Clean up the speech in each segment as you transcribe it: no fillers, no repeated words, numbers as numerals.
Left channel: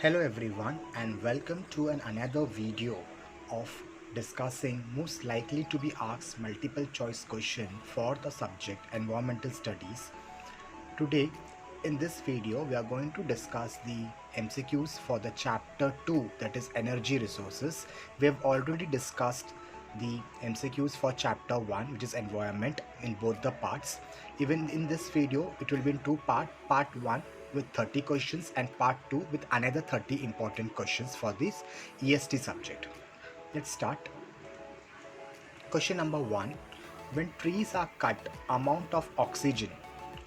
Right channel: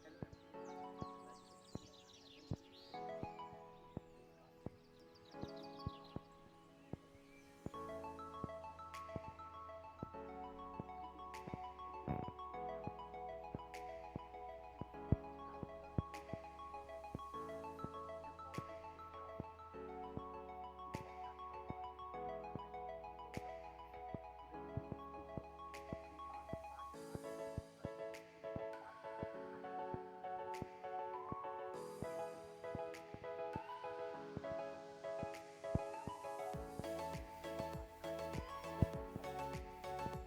Hello everyone and welcome to another video of discussing most likely to be asked multiple choice question for the subject environmental studies. Today in this video we are going to discuss the MCQs for the chapter 2, that is energy resources. We have already discussed the MCQs for chapter 1, which is environment, in both the parts. Even in this video it will be in two parts, part 1 with 30 questions and part 2 with another 30 important questions for this EST subject. Let's start. Question number 1. When trees are cut, amount of oxygen,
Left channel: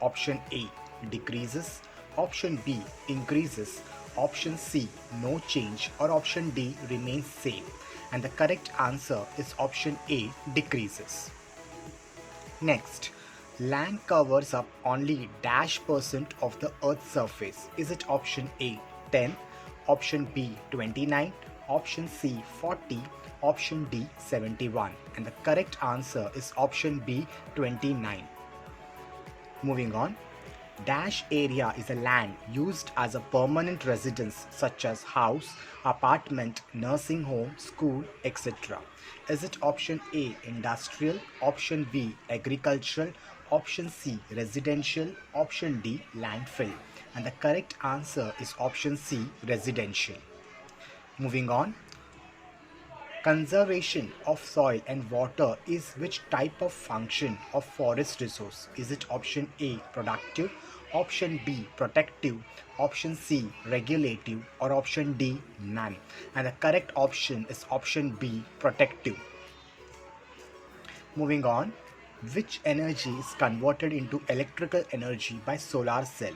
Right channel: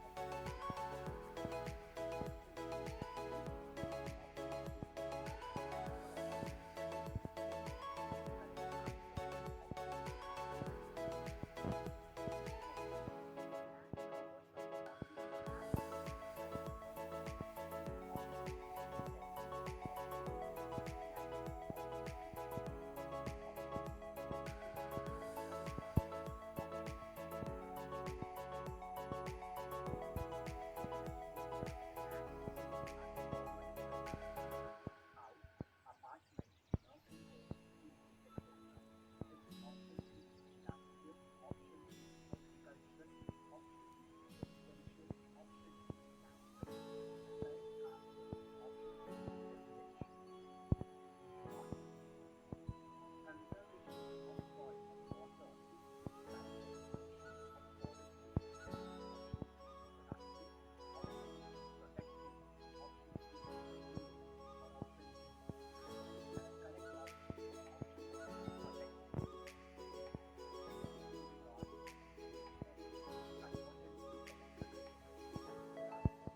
option A decreases, option B increases, option C no change, or option D remains same. And the correct answer is option A decreases. Next, land covers up only dash percent of the earth's surface. Is it option A 10, option B 29, option C 40, option D 71? And the correct answer is option B 29. Moving on. Dash area is a land used as a permanent residence such as house, apartment, nursing home, school, etc. Is it option A industrial, option B agricultural, option C residential, option D landfill? And the correct answer is option C residential. Moving on. Conservation of soil and water is which type of function of forest resource? Is it option A productive, option B protective, option C regulative, or option D none? And the correct option is option B protective. Moving on. Which energy is converted into electrical energy by solar cell?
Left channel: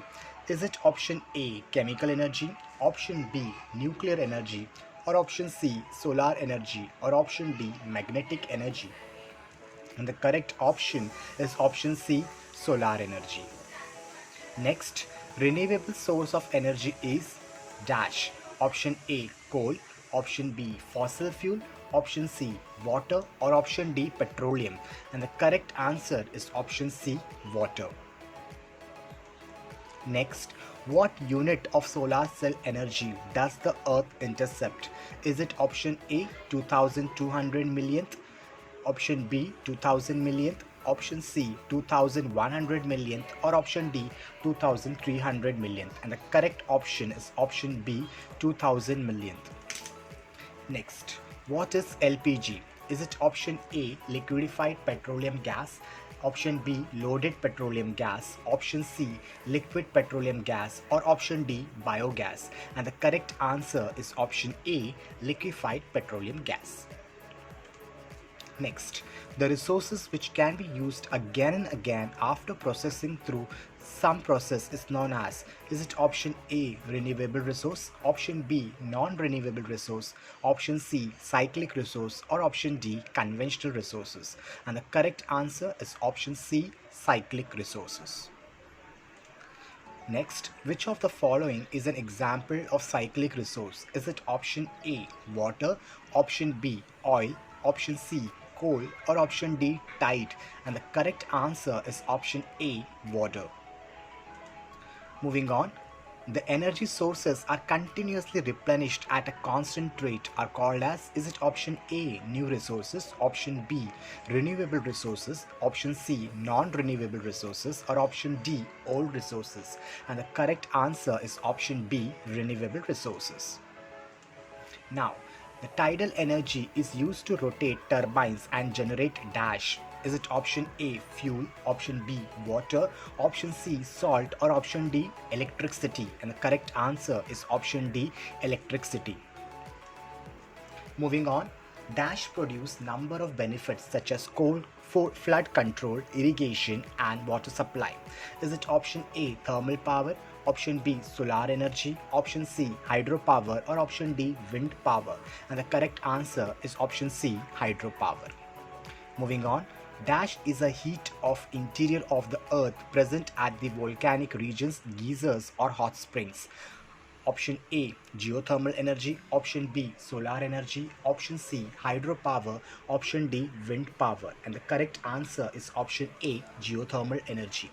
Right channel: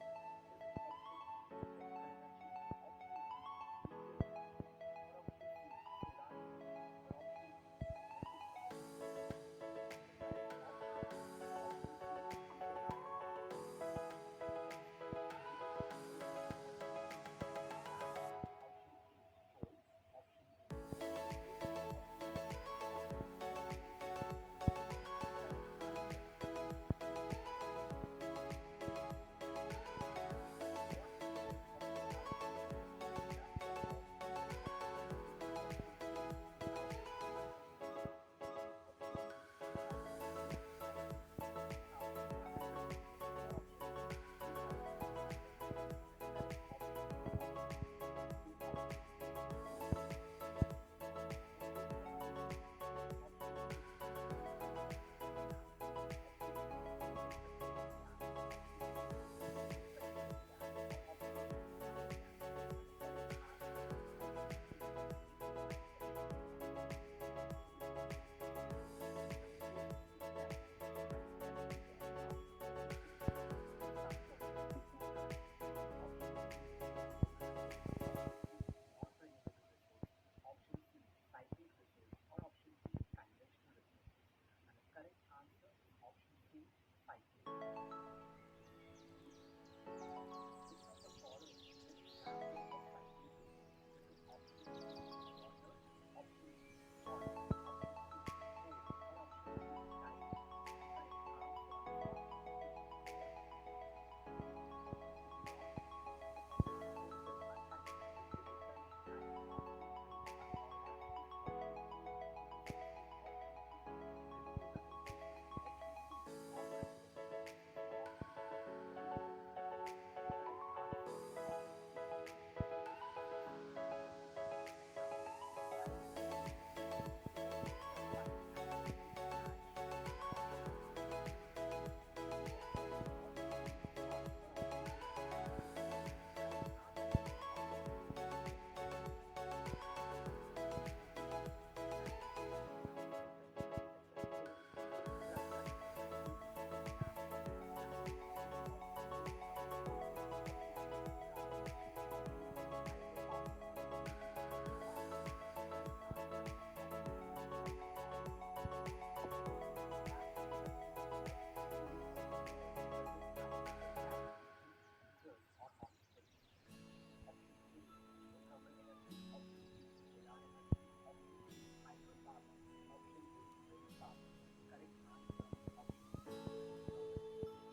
Is it option A chemical energy, option B nuclear energy, or option C solar energy, or option D magnetic energy? And the correct option is option C solar energy. Next, renewable source of energy is dash. Option A coal, option B fossil fuel, option C water, or option D petroleum. And the correct answer is option C water. Next, what unit of solar cell energy does the earth intercept? Is it option A 2200 millionth, option B 2000 millionth, option C 2100 millionth, or option D 2300 millionth? And the correct option is option B 2000 millionth. Next, what is LPG? Is it option A liquefied petroleum gas, option B loaded petroleum gas, option C liquid petroleum gas, or option D biogas? And the correct answer is option A liquefied petroleum gas. Next, the resources which can be used again and again after processing through some process is known as, is it option A renewable resource, option B non-renewable resource, option C cyclic resource, or option D conventional resources? And the correct answer is option C cyclic resources. Next, which of the following is an example of cyclic resource? Is it option A water, option B oil, option C coal, or option D tide? And the correct answer is option A water. Moving on. The energy sources are continuously replenished at a constant rate are called as, is it option A new resources, option B renewable resources, option C non-renewable resources, or option D old resources? And the correct answer is option B renewable resources. Now, the tidal energy is used to rotate turbines and generate dash. Is it option A fuel, option B water, option C salt, or option D electricity? And the correct answer is option D electricity. Moving on. Dash produce number of benefits such as cold, flood control, irrigation, and water supply. Is it option A thermal power, option B solar energy, option C hydropower, or option D wind power? And the correct answer is option C hydropower. Moving on. Dash is a heat of interior of the earth present at the volcanic regions, geysers, or hot springs. Option A geothermal energy, option B solar energy, option C hydropower, option D wind power? And the correct answer is option A geothermal energy.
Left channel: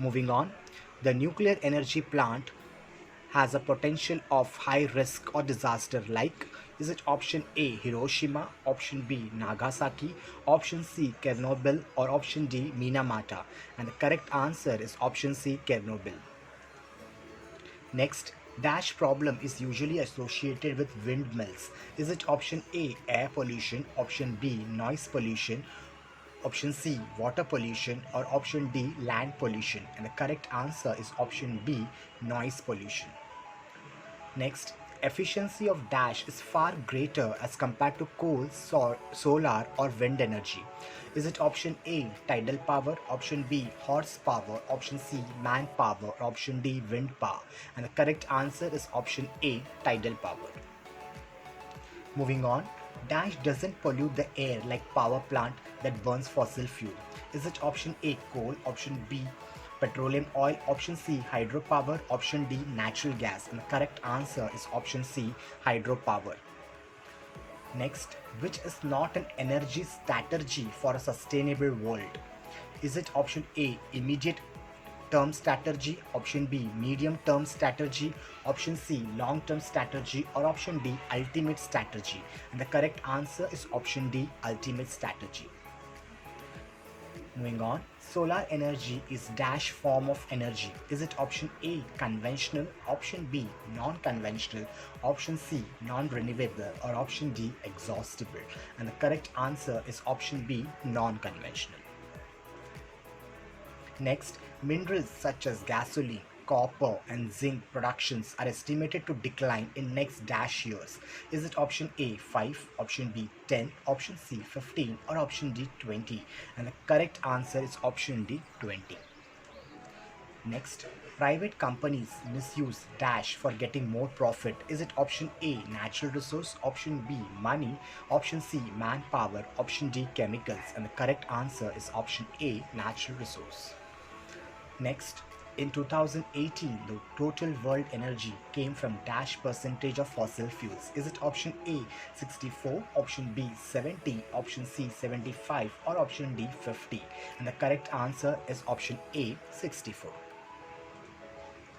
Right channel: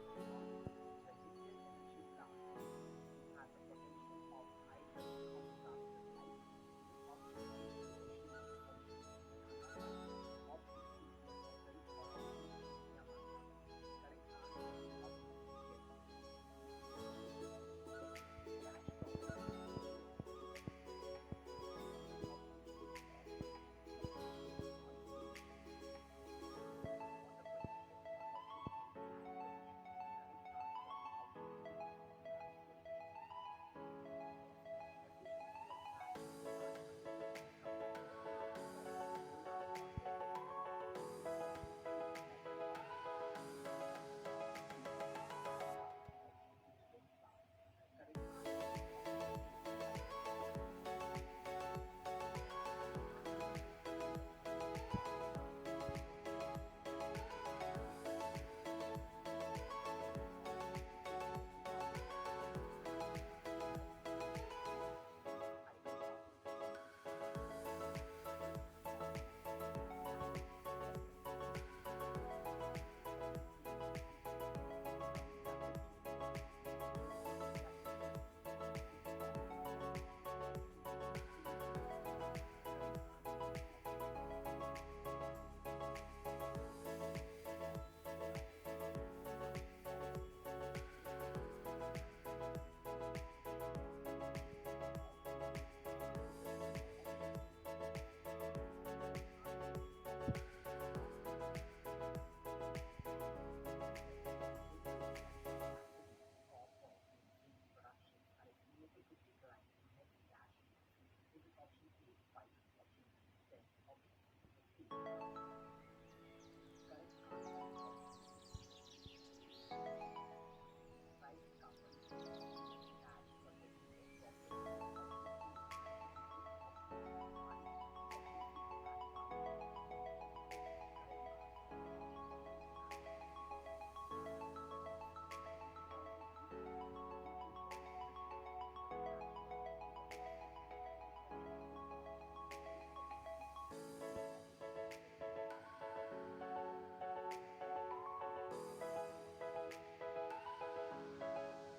Moving on. The nuclear energy plant has a potential of high risk or disaster like? Is it option A Hiroshima, option B Nagasaki, option C Chernobyl, or option D Minamata? And the correct answer is option C Chernobyl. Next, dash problem is usually associated with windmills. Is it option A air pollution, option B noise pollution, option C water pollution, or option D land pollution? And the correct answer is option B noise pollution. Next, efficiency of dash is far greater as compared to coal, solar, or wind energy. Is it option A tidal power, option B horsepower, option C manpower, or option D wind power? And the correct answer is option A tidal power. Moving on, dash doesn't pollute the air like power plant that burns fossil fuel. Is it option A coal, option B petroleum oil, option C hydropower, option D natural gas? And the correct answer is option C hydropower. Next, which is not an energy strategy for a sustainable world? Is it option A immediate term strategy, option B medium term strategy, option C long term strategy, or option D ultimate strategy? And the correct answer is option D ultimate strategy. Moving on, solar energy is dash form of energy. Is it option A conventional, option B non-conventional, option C non-renewable, or option D exhaustible? And the correct answer is option B non-conventional. Next, minerals such as gasoline, copper, and zinc productions are estimated to decline in next dash years. Is it option A 5, option B 10, option C 15, or option D 20? And the correct answer is option D 20. Next, private companies misuse dash for getting more profit. Is it option A natural resource, option B money, option C manpower, option D chemicals? And the correct answer is option A natural resource. Next, in 2018, the total world energy came from dash percentage of fossil fuels. Is it option A 64, option B 70, option C 75, or option D 50? And the correct answer is option A 64.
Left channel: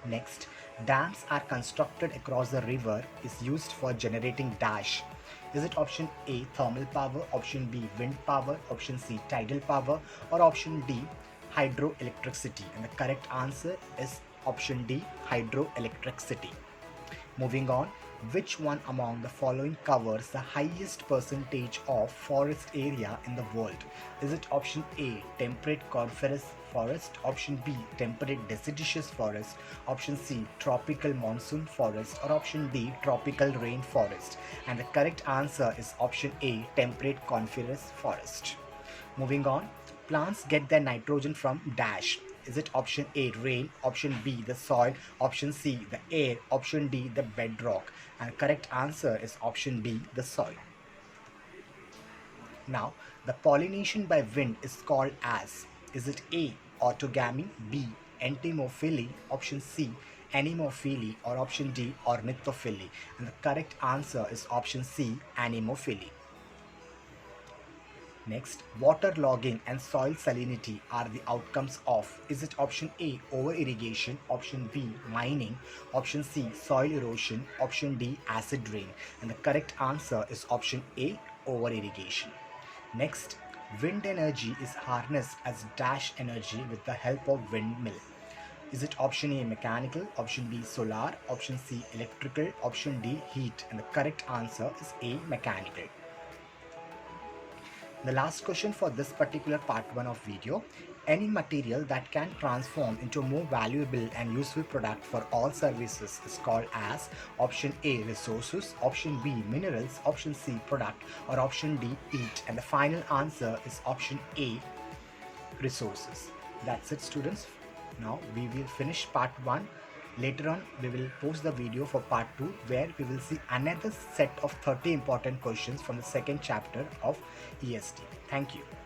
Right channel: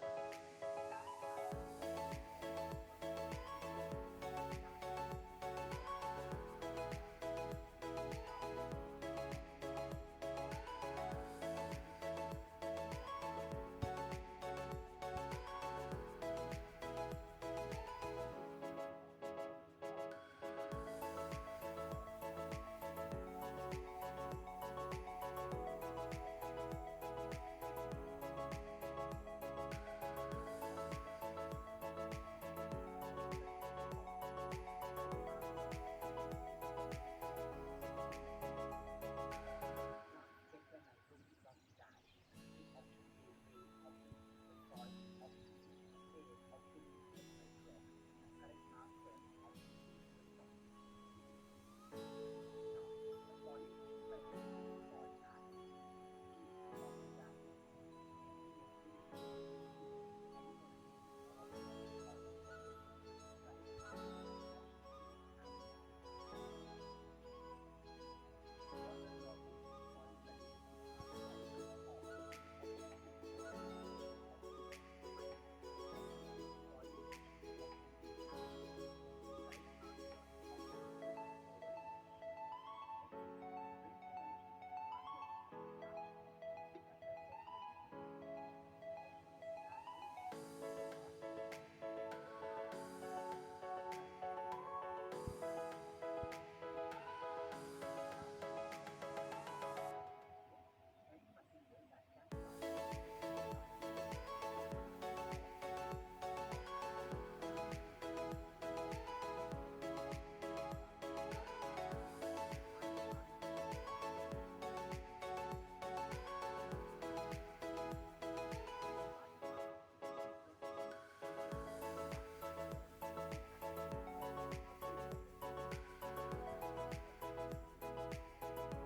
Next, dams are constructed across the river is used for generating dash. Is it option A thermal power, option B wind power, option C tidal power, or option D hydroelectricity? And the correct answer is option D hydroelectricity. Moving on, which one among the following covers the highest percentage of forest area in the world? Is it option A temperate coniferous forest, option B temperate deciduous forest, option C tropical monsoon forest, or option D tropical rain forest? And the correct answer is option A temperate coniferous forest. Moving on, plants get their nitrogen from dash. Is it option A rain, option B the soil, option C the air, option D the bedrock? And correct answer is option B the soil. Now, the pollination by wind is called as, is it A autogamy, B entomophily, option C anemophily, or option D ornithophily? And the correct answer is option C anemophily. Next, waterlogging and soil salinity are the outcomes of, is it option A over irrigation, option B mining, option C soil erosion, option D acid rain? And the correct answer is option A over irrigation. Next, wind energy is harnessed as dash energy with the help of windmill. Is it option A mechanical, option B solar, option C electrical, option D heat? And the correct answer is A mechanical. The last question for this particular part 1 of video: any material that can transform into a more valuable and useful product for all services is called as option A resources, option B minerals, option C product, or option D heat? And the final answer is option A resources. That's it, students. Now we will finish part 1. Later on, we will post the video for part 2, where we will see another set of 30 important questions from the second chapter of EST. Thank you.